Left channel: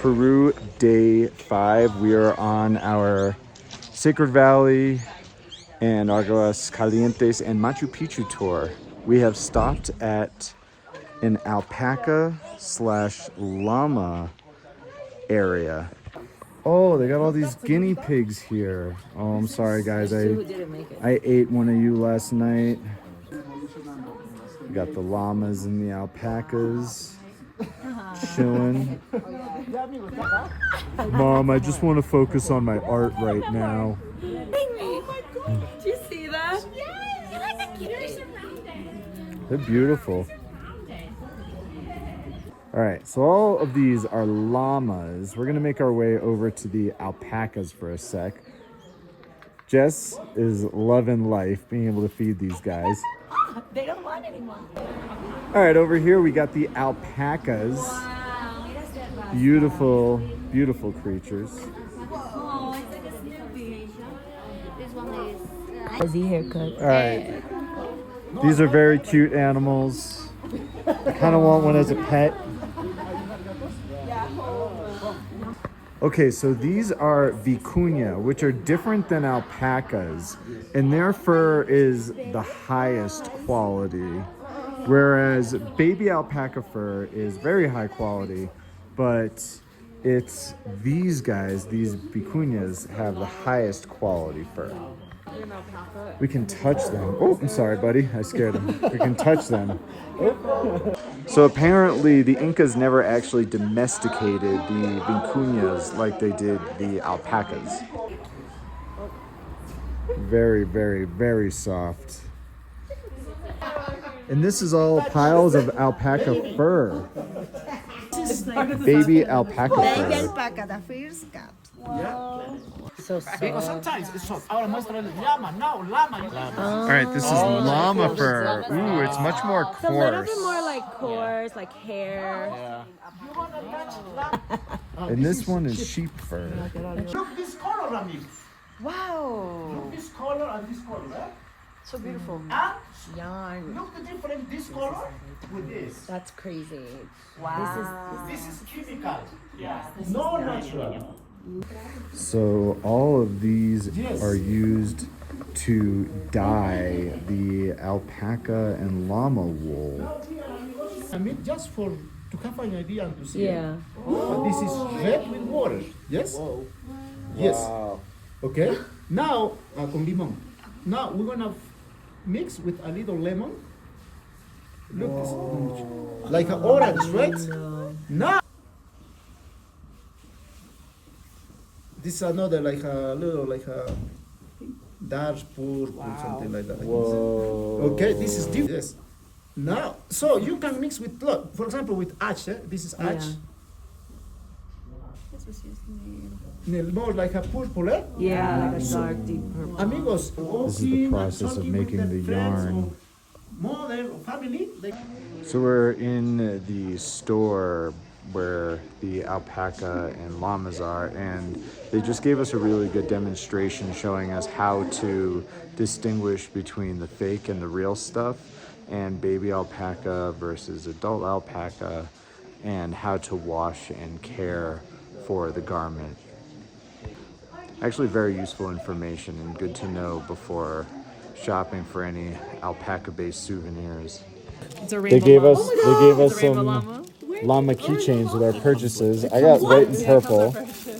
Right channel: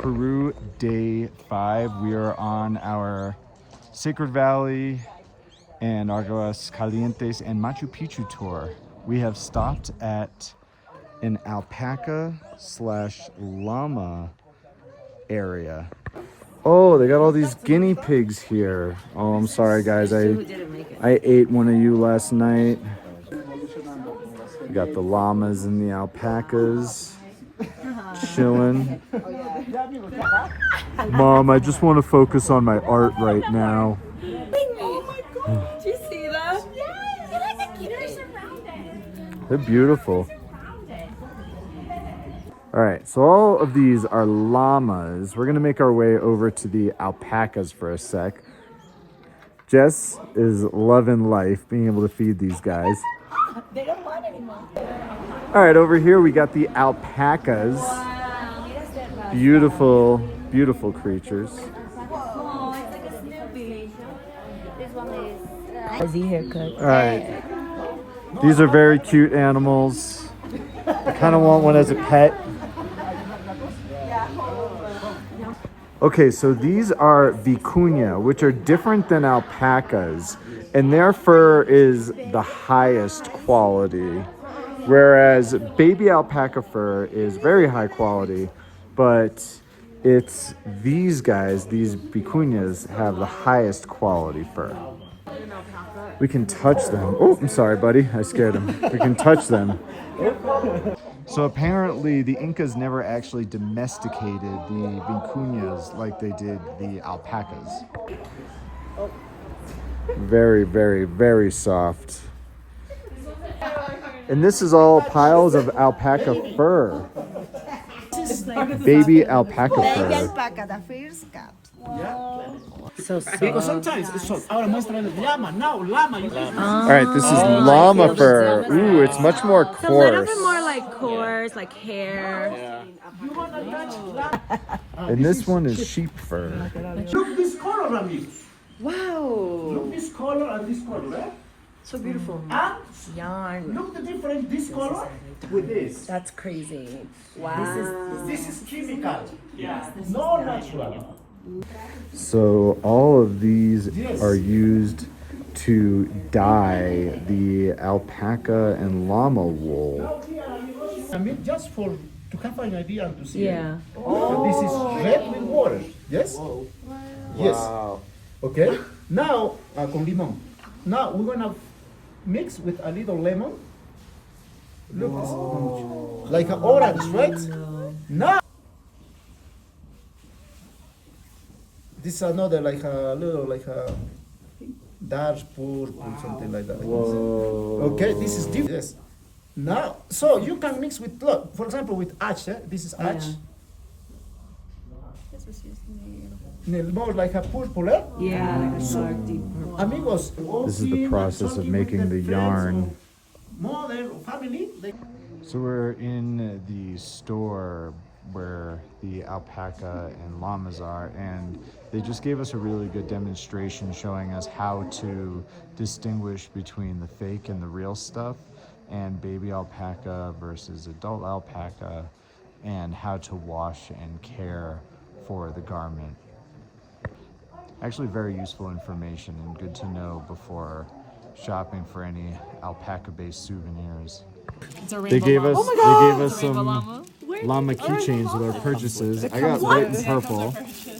Peru day 5. We are on our Sacred Valley and Aguas Calientes and Machu Picchu tour. We have stopped at an alpaca / llama area. Oh, they got all these guinea pigs here. Oh, I'm sorry guys, I ate one of you last night. We got the llamas and the alpacas chilling. Mom, I just want to focus on my art right now. Oh my god, do you see that? Yes, they're beautiful. All right, so all of these are llamas. We're gonna make our way over to the alpacas for a sec. Jess is loving life, being able to feed these guys. They don't want anymore. All right, over here we got the alpacas. Beautiful, beautiful creatures. Whoa, it's like a Snoopy. This one is Fuzzy haircut. All right, these are very cute animals. I kind of want one as a pet. Okay, so these are vicuña, which are different than alpacas, and their fur is the highest quality, whereas baby alpaca fur is very high quality, but it's these guys, these vicuñas, have the highest quality fur. We can touch them. Oh, I'm sorry, buddy. I scared him. We can touch them. So apparently the Incas never actually domesticated the vicuñas like they did the alpacas. Very, very, very soft. And this is all piles of alpaca fur. Baby alpaca fur. Baby alpaca, the first cat. Because sometimes it's so. Ahora muéstrale llama. Now llama. All right, this is llama fur. Ooh, it's much more So a coarse. little bit more like coarse, like hair. And this one is sheep fur. Look this color, Rami. Wow. Look this color and this color, eh? So beautiful. And look the difference this color with this. That's crazy. Wow. This is chemical. No natural. So all of these are used to dye the alpaca and llama wool. I mean, just for to have an idea and to see. Yeah. So this is red with water. Yes. Yes. Okay. Now con limón. Now we're gonna mix with a little lemon. Look, this, like an orange, right? Now. This is another like a little like a dark purple, something like that. Okay, this is different. Yes. Now, so you can mix with, look, for example, with ash. This is ash. More like a purple, eh? Yeah, like a dark, deep purple. Amigos, This is the process of making the yarn. Mother, family. So we're in the store where the alpaca and llamas are, and they just gave us a really good demonstration showing us how to distinguish between the fake and the real stuff, and baby alpaca versus adult alpaca, and how to wash and care for the garment. Actually very useful information and good to know before shopping for any alpaca-based souvenirs. They gave us some llama keychains with our purchases. I got white and purple.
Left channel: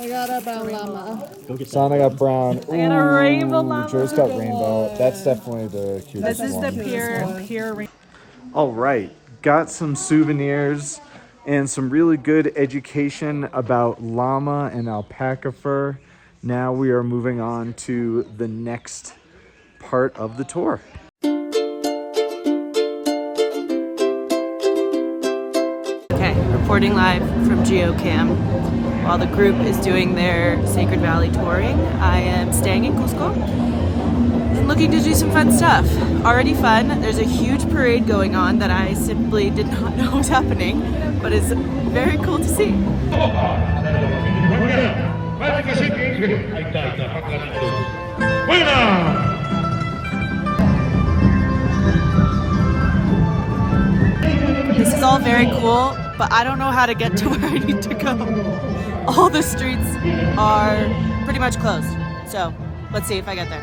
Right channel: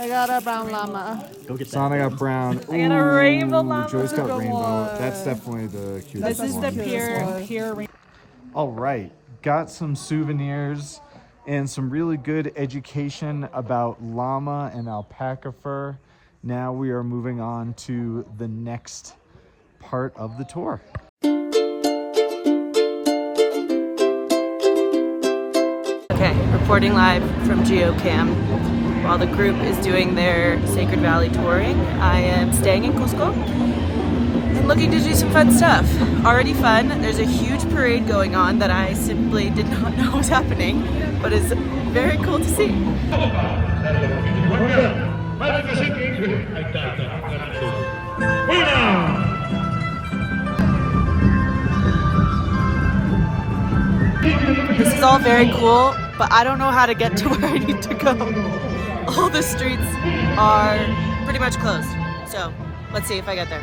I got a brown llama. Sana got brown. Ooh, Joyce got rainbow. That's definitely the cutest one. All right, got some souvenirs and some really good education about llama and alpaca fur. Now we are moving on to the next part of the tour. Okay, reporting live from GeoCam. While the group is doing their Sacred Valley touring, I am staying in Cusco and looking to do some fun stuff. Already fun. There's a huge parade going on that I simply did not know was happening, but is very cool to see. This is all very cool, but I don't know how to get to where I need to go. all the streets are pretty much closed. So let's see if I get there.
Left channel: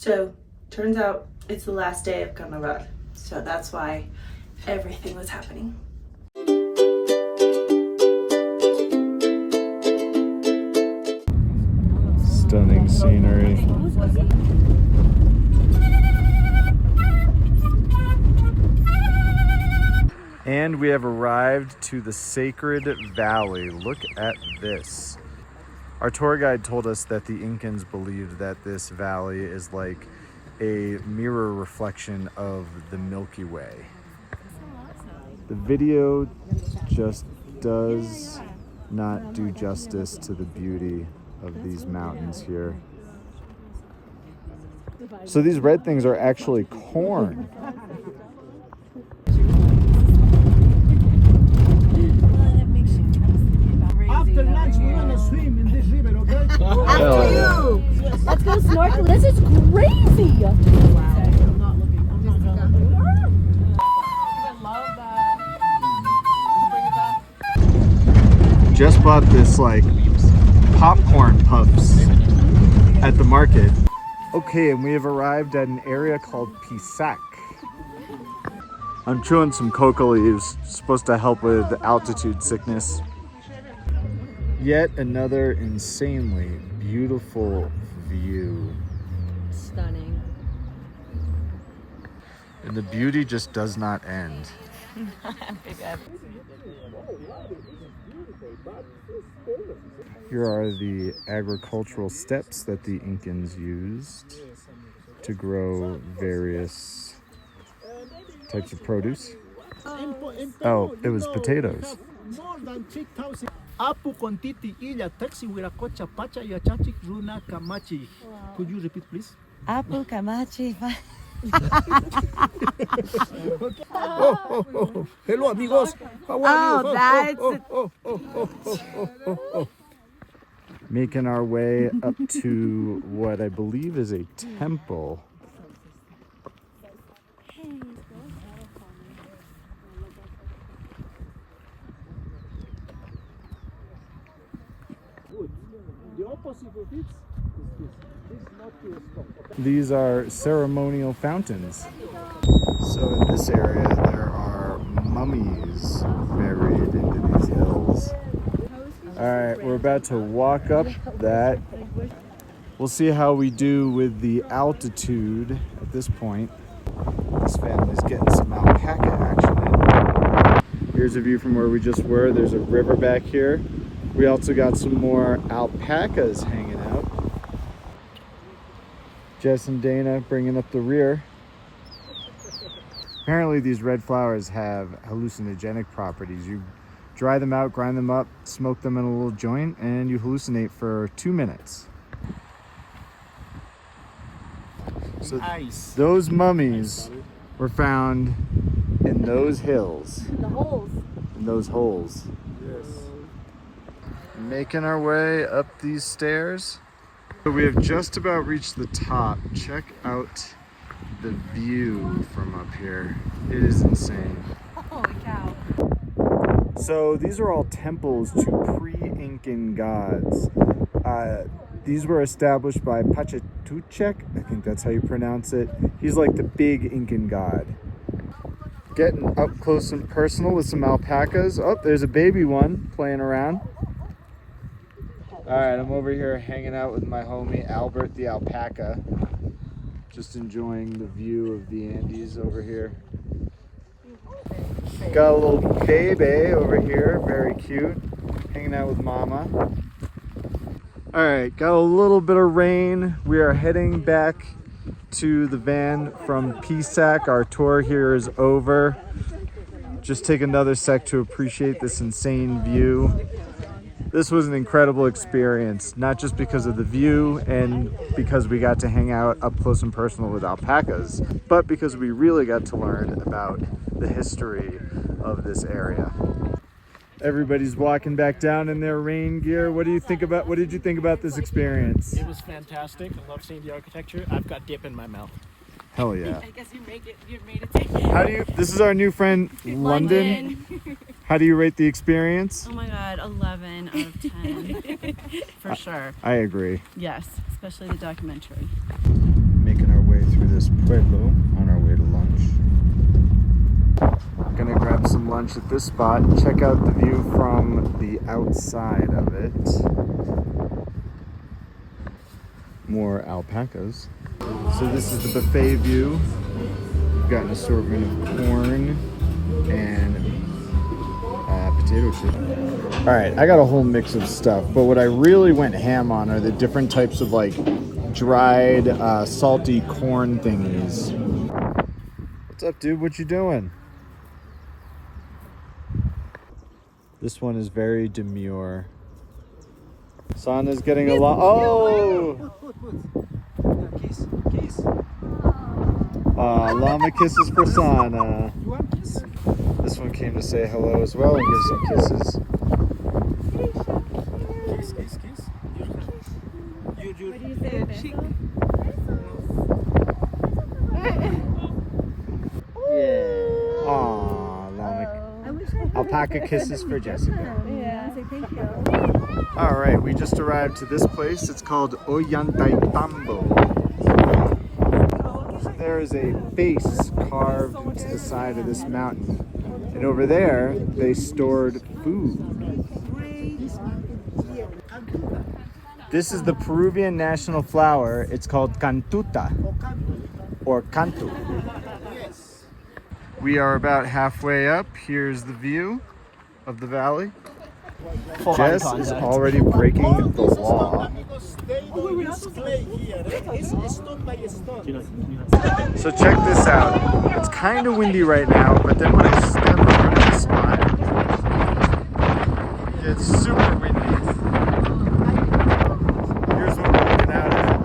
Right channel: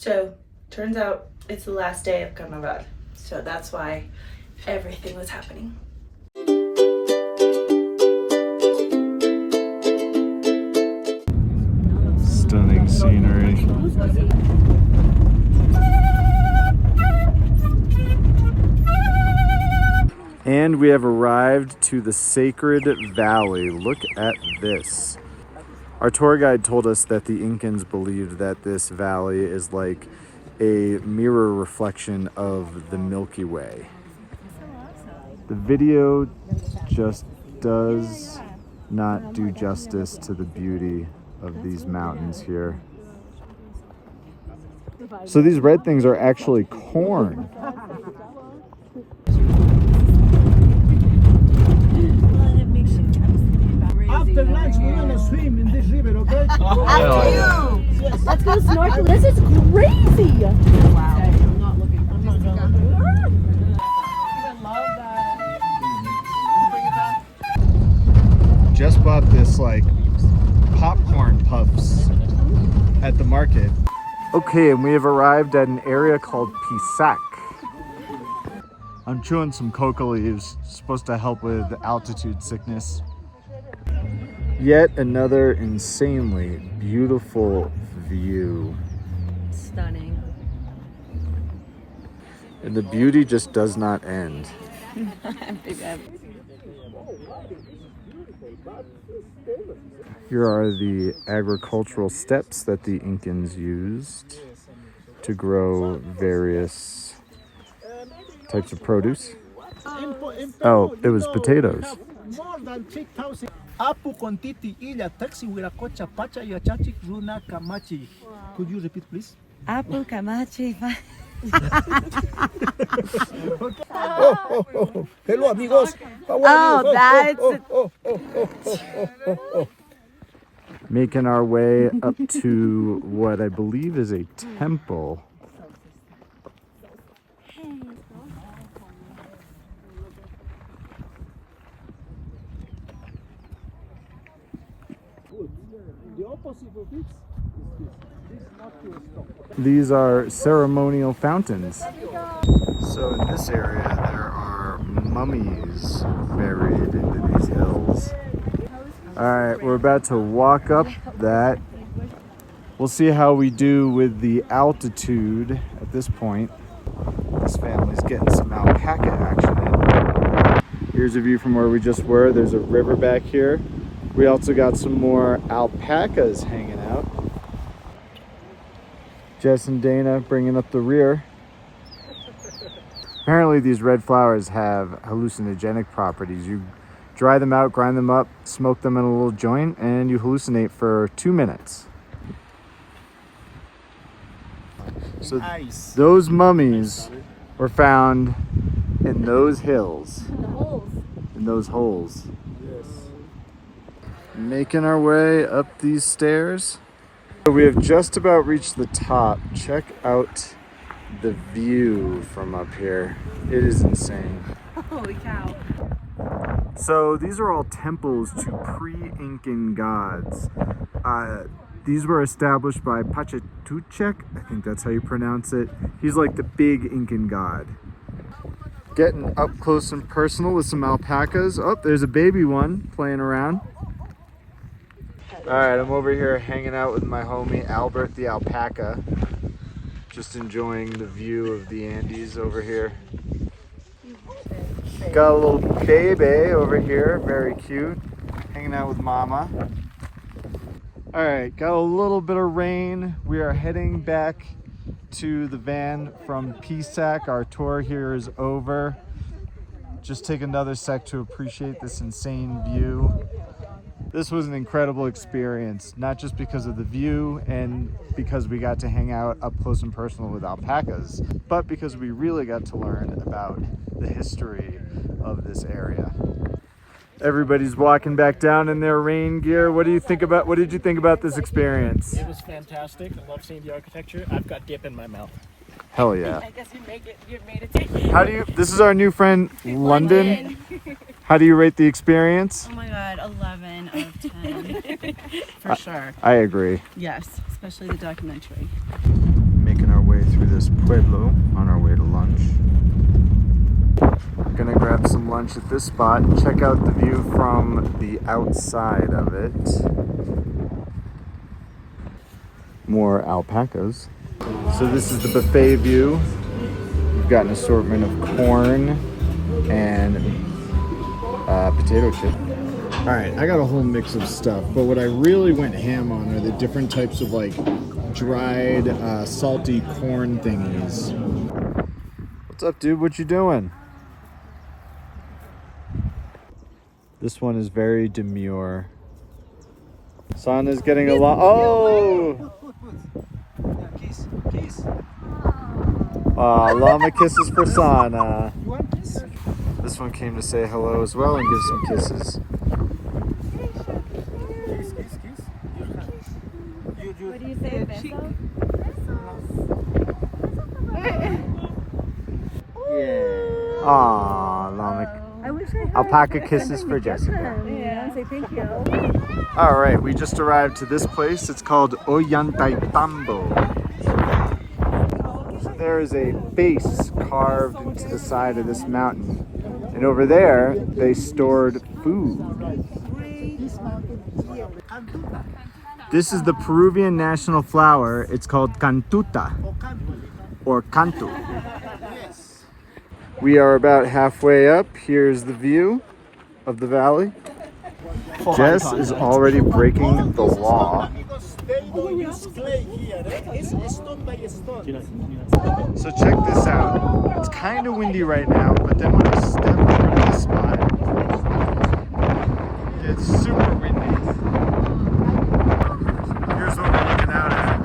So, turns out it's the last day of Carnaval. So that's why everything was happening. Stunning scenery. And we have arrived to the Sacred Valley. Look at this. Our tour guide told us that the Incans believed that this valley is like a mirror reflection of the Milky Way. The video just does not do justice to the beauty of these mountains here. So these red things are actually corn. After lunch, we're gonna swim in this river, okay? After you. Let's go snorkel. This is crazy. Wow. Just bought this like popcorn puffs at the market. Okay, and we have arrived at an area called Pisac. I'm chewing some coca leaves, supposed to help with altitude sickness. Yet another insanely beautiful view. Stunning. And the beauty just does not end. Here are the agricultural steps that the Incans used to grow various types of produce. Oh, it was potatoes. More than 6,000. Apu kontiti illa taxi wiracocha pacha yachachi runa kamachi. Could you repeat, please? Apu kamachi. Oh. Hello, amigos. How are you? Making our way up to what I believe is a temple. These are ceremonial fountains. So in this area there are mummies buried into these hills. Alright, we're about to walk up that. We'll see how we do with the altitude at this point. This family's getting some alpaca action in. Here's a view from where we just were. There's a river back here. We also got some more alpacas hanging out. Jess and Dana bringing up the rear. Apparently these red flowers have hallucinogenic properties. You dry them out, grind them up, smoke them in a little joint, and you hallucinate for 2 minutes. So Nice. those mummies were found in those hills. In those holes. Yes. Making our way up these stairs. So we have just about reached the top. Check out the view from up here. It is insane. Holy cow. So these are all temples to pre-Incan gods. These were established by Pachatuchek, I think that's how you pronounce it. He's like the big Incan god. Getting up close and personal with some alpacas. Oh, there's a baby one playing around. All right, I'm over here hanging out with my homie Albert the alpaca. Just enjoying the view of the Andes over here. Got a little baby over here, very cute, hanging out with mama. All right, got a little bit of rain. We are heading back to the van from Pisac. Our tour here is over. Just take another sec to appreciate this insane view. This was an incredible experience, not just because of the view and because we got to hang out up close and personal with alpacas, but because we really got to learn about the history of this area. Everybody's walking back down in their rain gear. What did you think about this experience? It was fantastic. I love seeing the architecture. I've got dip in my mouth. Hell yeah. I guess you made it take. This is our new friend, London. How do you rate the experience? Oh my god, 11 out of 10. For sure. I agree. Yes, especially the documentary. Making our way through this pueblo on our way to lunch. Gonna grab some lunch at this spot and check out the view from the outside of it. More alpacas. So this is the buffet view. We've got an assortment of corn and potato chips. All right, I got a whole mix of stuff, but what I really went ham on are the different types of like dried salty corn thingies. What's up, dude? What you doing? This one is very demure. Sana's getting along. Oh! Llama kisses for Sana. This one came to say hello as well and give some kisses. Aww, Llama. Alpaca kisses for Jessica. All right, we just arrived to this place. It's called Ollantaytambo. There is a face carved into the side of this mountain. And over there, they stored food. This is the Peruvian national flower. It's called cantuta, or cantu. We are about halfway up. Here's the view of the valley. Jess is already breaking the law. So check this out. It's kind of windy right now, but then when I step over to this spot, it gets super windy. Here's what we're looking out at.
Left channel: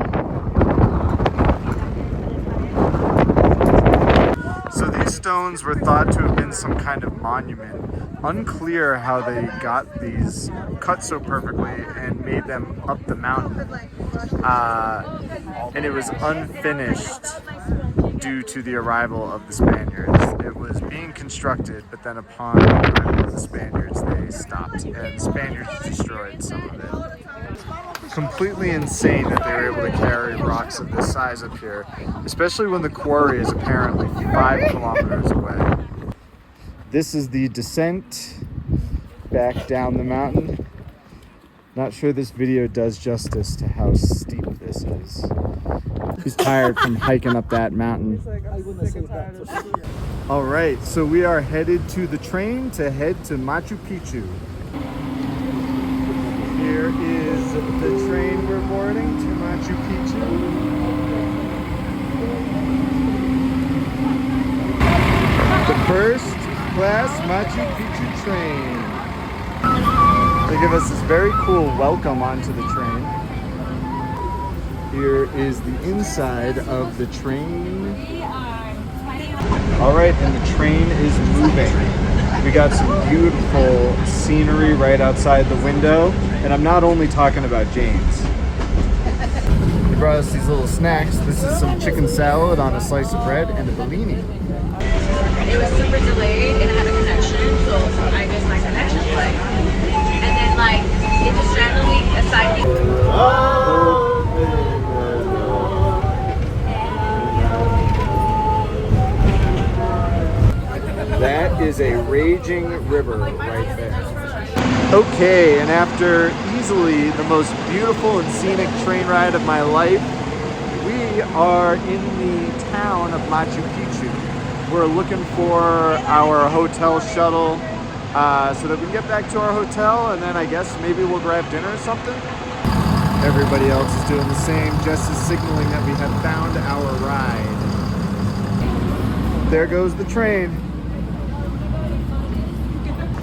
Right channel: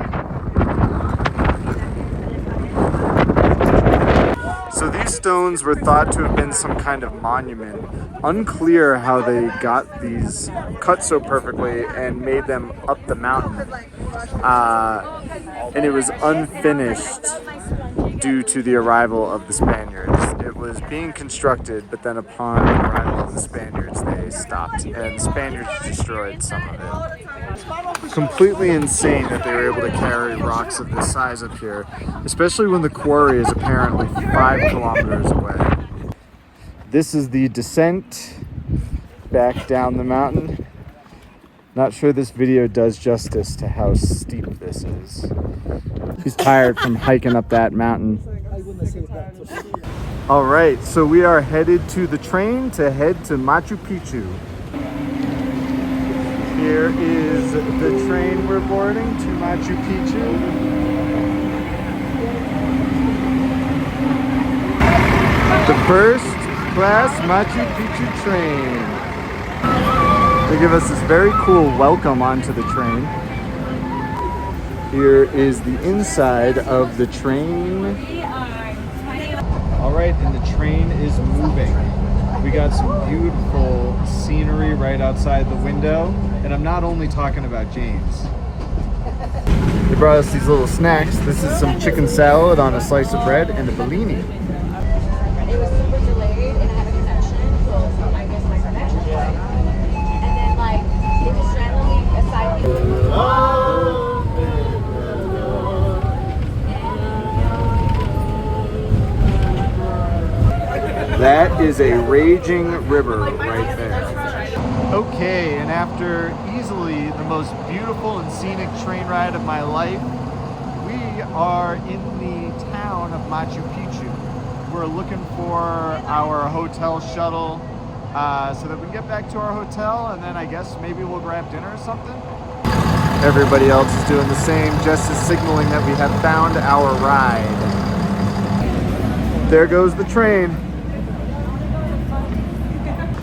So these stones were thought to have been some kind of monument. Unclear how they got these cut so perfectly and made them up the mountain. And it was unfinished due to the arrival of the Spaniards. It was being constructed, but then upon the arrival of the Spaniards, they stopped, and Spaniards destroyed some of it. Completely insane that they were able to carry rocks of this size up here, especially when the quarry is apparently 5 kilometers away. This is the descent back down the mountain. Not sure this video does justice to how steep this is. He's tired from hiking up that mountain. All right, so we are headed to the train to head to Machu Picchu. Here is the train we're boarding to Machu Picchu. The first class Machu Picchu train. They give us this very cool welcome onto the train. Here is the inside of the train. All right, and the train is moving. We got some beautiful scenery right outside the window, and I'm not only talking about James. They brought us these little snacks. This is some chicken salad on a slice of bread and a bellini. It was super delayed and I had a connection, so I missed my connection play. And then like it just randomly assigned me. That is a raging river right there. Okay, and after easily the most beautiful and scenic train ride of my life, we are in the town of Machu Picchu. We're looking for our hotel shuttle so that we can get back to our hotel, and then I guess maybe we'll grab dinner or something. Everybody else is doing the same, just as signaling that we have found our ride. There goes the train.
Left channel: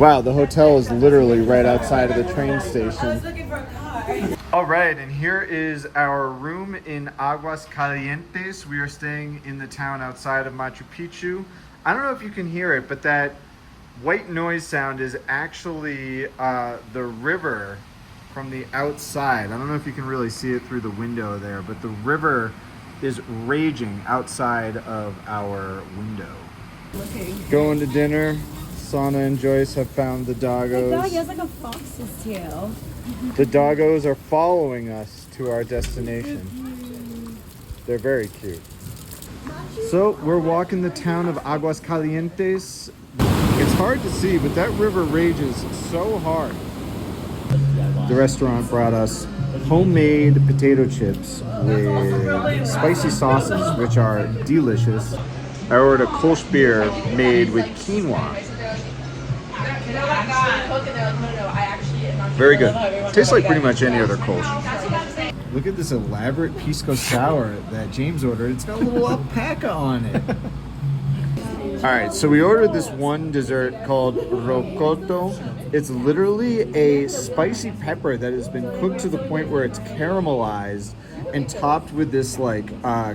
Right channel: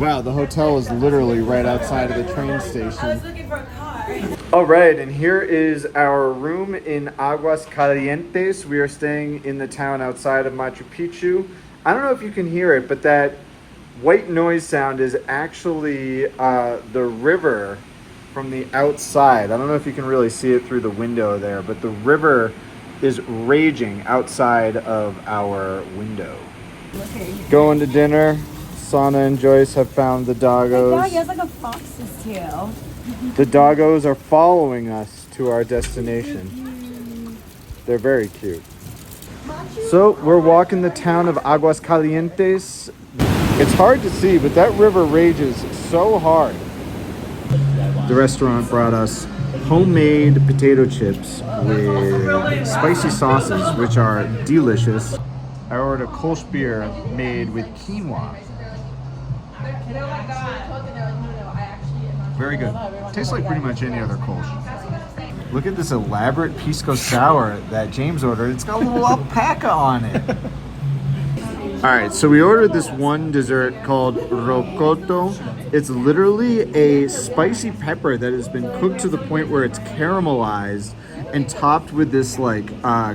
Wow, the hotel is literally right outside of the train station. looking for a car. All right, and here is our room in Aguas Calientes. We are staying in the town outside of Machu Picchu. I don't know if you can hear it, but that white noise sound is actually the river from the outside. I don't know if you can really see it through the window there, but the river is raging outside of our window. Going to dinner. Sana and Joyce have found the doggos. he has like a fox's tail. The doggos are following us to our destination. They're very cute. So we're walking the town of Aguas Calientes. It's hard to see, but that river rages so hard. The restaurant brought us homemade potato chips with spicy sauces, which are delicious. I ordered a Kolsch beer made with quinoa. Very good. Tastes like pretty much any other Kolsch. Look at this elaborate pisco sour that James ordered. It's got a little alpaca on it. All right, so we ordered this one dessert called rocoto. It's literally a spicy pepper that has been cooked to the point where it's caramelized and topped with this like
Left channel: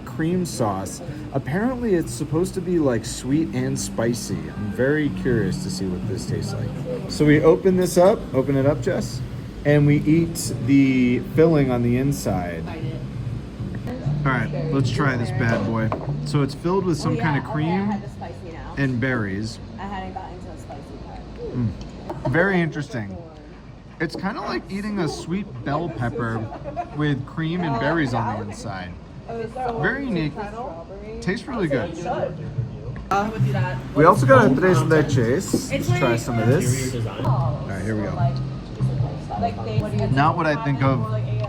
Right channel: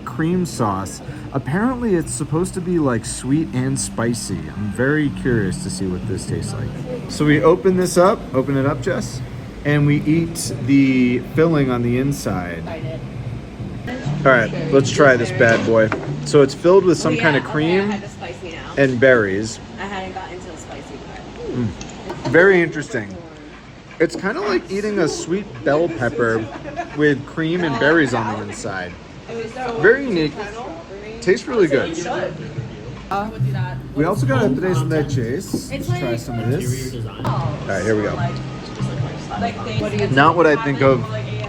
cream sauce. Apparently it's supposed to be like sweet and spicy. I'm very curious to see what this tastes like. So we open this up, open it up, Jess, and we eat the filling on the inside. All right, let's try this bad boy. So it's filled with some kind of cream and berries. I hadn't got into the spicy part. Very interesting. It's kind of like eating a sweet bell pepper with cream and berries on the inside. Very unique. Tastes really good. We also got a tres leches. Let's try some of this. All right, here we go. Not what I think of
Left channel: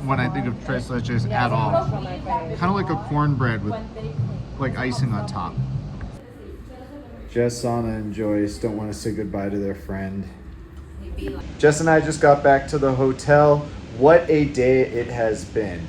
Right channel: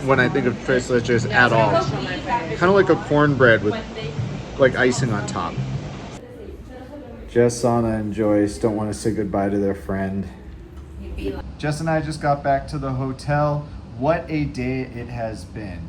when I think of tres leches at all. Kind of like a cornbread with like icing on top. Jess, Sana, and Joyce don't want to say goodbye to their friend. Jess and I just got back to the hotel. What a day it has been.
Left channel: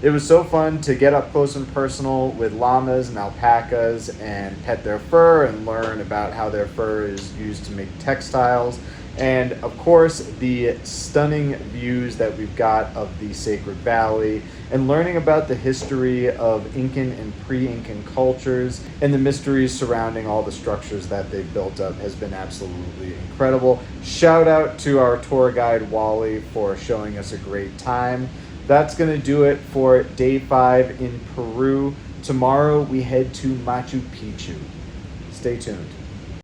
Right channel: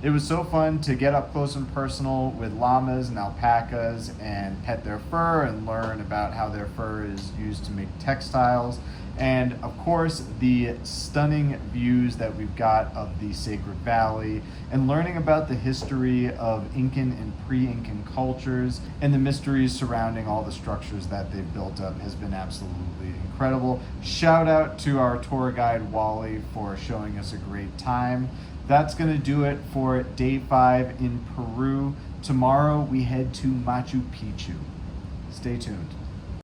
It was so fun to get up close and personal with llamas and alpacas and pet their fur and learn about how their fur is used to make textiles. And of course, the stunning views that we've got of the Sacred Valley and learning about the history of Incan and pre-Incan cultures and the mysteries surrounding all the structures that they've built up has been absolutely incredible. Shout out to our tour guide, Wally, for showing us a great time. That's gonna do it for day 5 in Peru. Tomorrow we head to Machu Picchu. Stay tuned.